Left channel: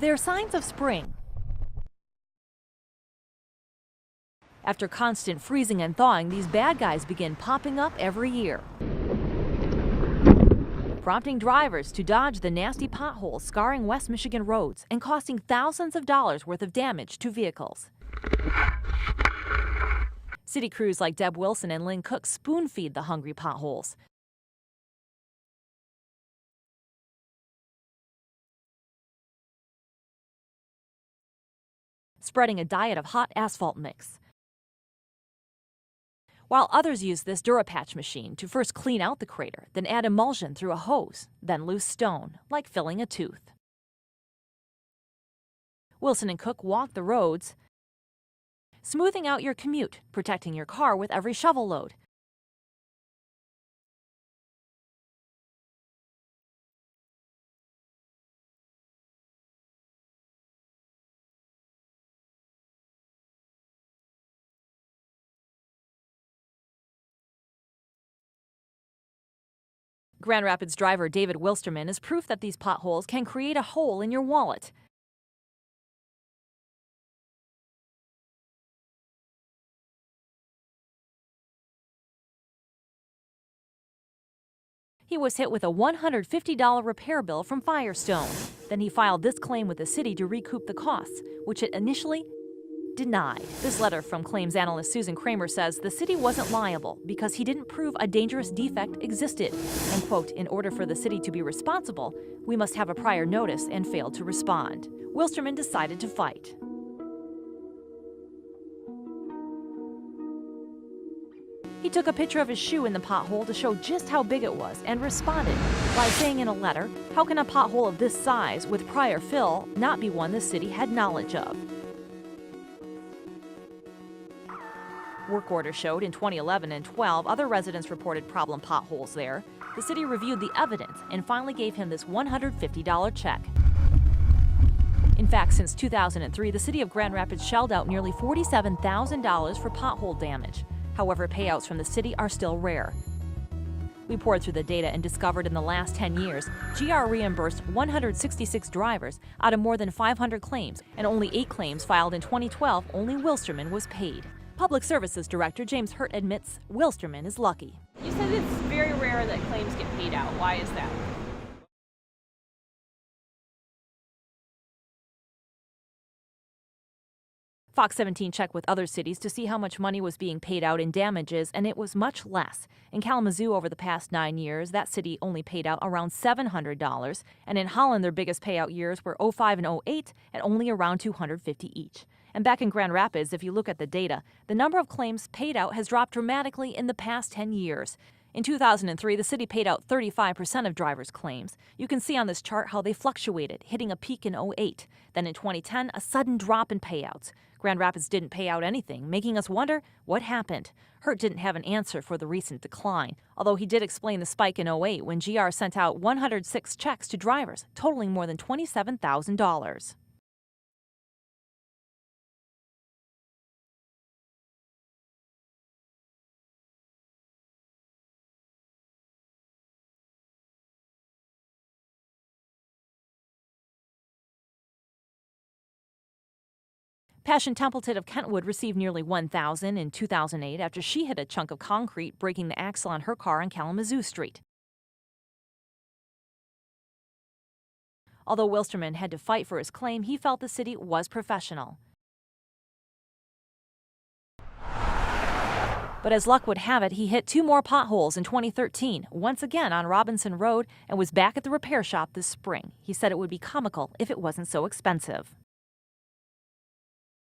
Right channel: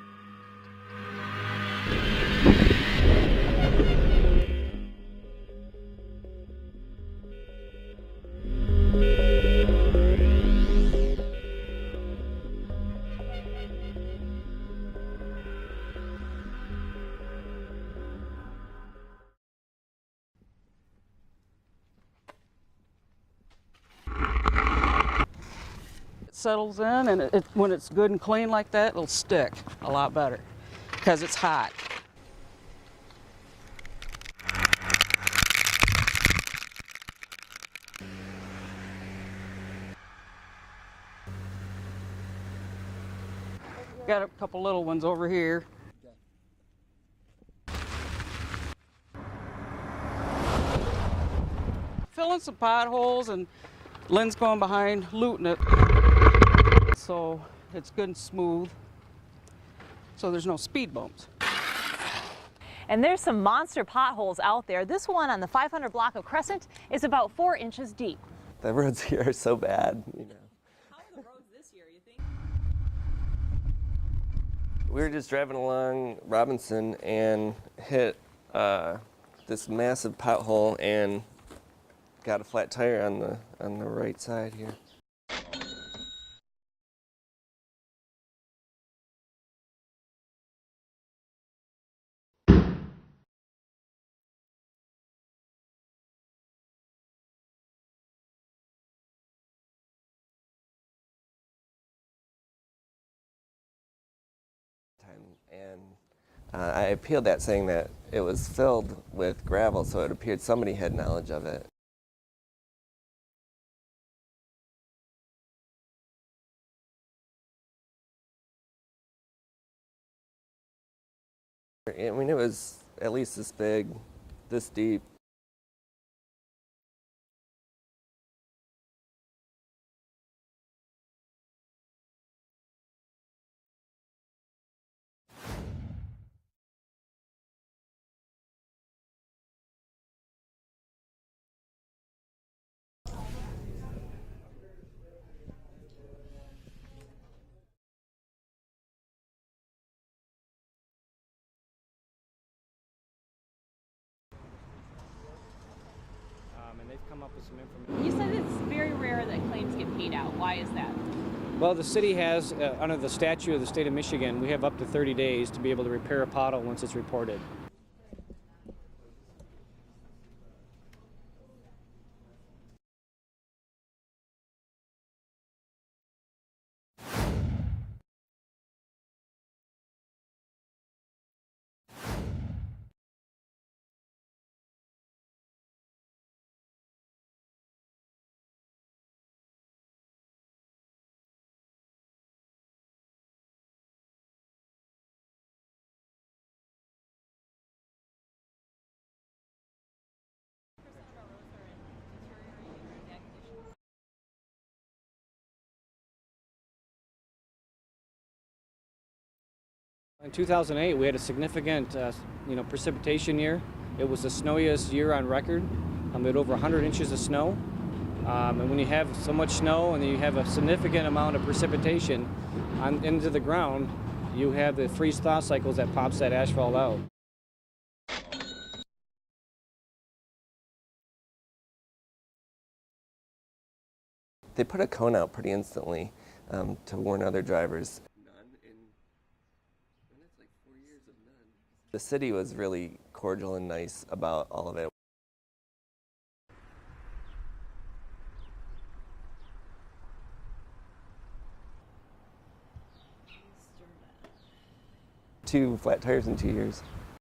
They're signs of spring. After constant freezing and thawing, these bad guys begin popping up every year, prompting drivers to dodge the nasty potholes scarring West Michigan roads and costing thousands of dollars worth of damage to vehicles. City crews like Deb Wilson and Lynn Cook spoon-feed the hungry potholes. It settles in, and when it's good and clean like that, it'll stick a lot better because it's hot. Spreading a diet of hot asphalt mix. While others use this Durapatch machine to first clean out the crater, then add emulsion through a hose, then loose stone, like filling a tooth. Got a couple little ones over here. Wilson and Cook walk the roads, smoothing out your commute, protecting your car with every shovel load. Filling some potholes, and Lynn's going behind looting it. So it's good and smooth, so there's no speed bumps. And there's some monster potholes out there. This one on the 500 block of Crescent is about 4 inches deep. The roads here are so bad. Grand Rapids driver David Wilsterman is proof that these potholes can create a hole in your wallet. We were just driving along Robinson and hit this massive pothole and got a flat tire on the right side here. He was hit with a $150 repair bill from Firestone. Then he filed this claim with the city to recoup the costs, which it initially denied. This letter from claims analyst Susan Kramer says the city wasn't liable because he didn't prove a dangerous defect existed. And quote, in order for the city to be responsible, we must have a prior notice, and failed to respond. Wilsterman decided to fight. I appealed that, saying that it was filled with gravel, so it appeared somebody had knowledge of it. He took a picture of his shoe in the pothole to show just how big it was and responded by saying in a letter, how can a pothole of this size with prior fill not be one the city had knowledge of? I mean, it was at least this big, this deep. Work orders showed in 2011 and 12 other residents reported problem potholes there. The city reviewed the evidence and finally gave him this $150 check. In fact, since 2003, the city of Grand Rapids shelled out nearly $47,000 for pothole damage. However, payouts from the city are still rare. We poured through the data and discovered in the last 10 years, GR reimbursed 166 drivers out of more than 500 claims, and only 8 claims filed in 2012, only Wilsterman was paid. Public Services Director James Hurt admits Wilsterman is lucky. You said it's very rare that claims get paid out. Why is that? Well, the city has, under the statute of the state of Michigan, we have up to 30 days to be able to repair a pothole once it's reported. Fox 17 checked with other cities to see how much money was being paid out in damages, and it was much less. In Kalamazoo, over the past 9 years, that city only paid out around $700. And in Holland, their biggest payout years were 05 and 08 at only around $250 each. And back in Grand Rapids, if you look at the data, the number of claims paid out has dropped dramatically in the past 10 years. In 2003, the city paid out 35% of drivers' claims. You can see on this chart how they fluctuated, hitting a peak in 08. Then in 2010, a sudden drop in payouts. Grand Rapids didn't pay out anything, making us wonder what happened. Hurt didn't have an answer for the recent decline, although he did explain the spike in 08 when GR sent out 106 checks to drivers, totaling more than $27,000. In 2008, we had a significant precipitation year. It was the snowiest year on record. We had over 100 inches of snow. And when you have so much snow and you have a significant amount of precipitation into the ground, you have the freeze-thaw cycles that pops that asphalt out. Passion Templeton of Kentwood received nearly $1,000 in 2008 after she hit a chunk of concrete, breaking the axle on her car on Kalamazoo Street. They put a cone out pretty instantly to warn other drivers. Although Wilsterman had to fight for his claim, he felt the city was professional. The city was really cordial and nice about all of it. But as luck would have it, he hit 2 more potholes in 2013, once again on Robinson Road, and was back at the repair shop this spring. He said it would be comical if it wasn't so expensive. 2 flat tires in 2 years.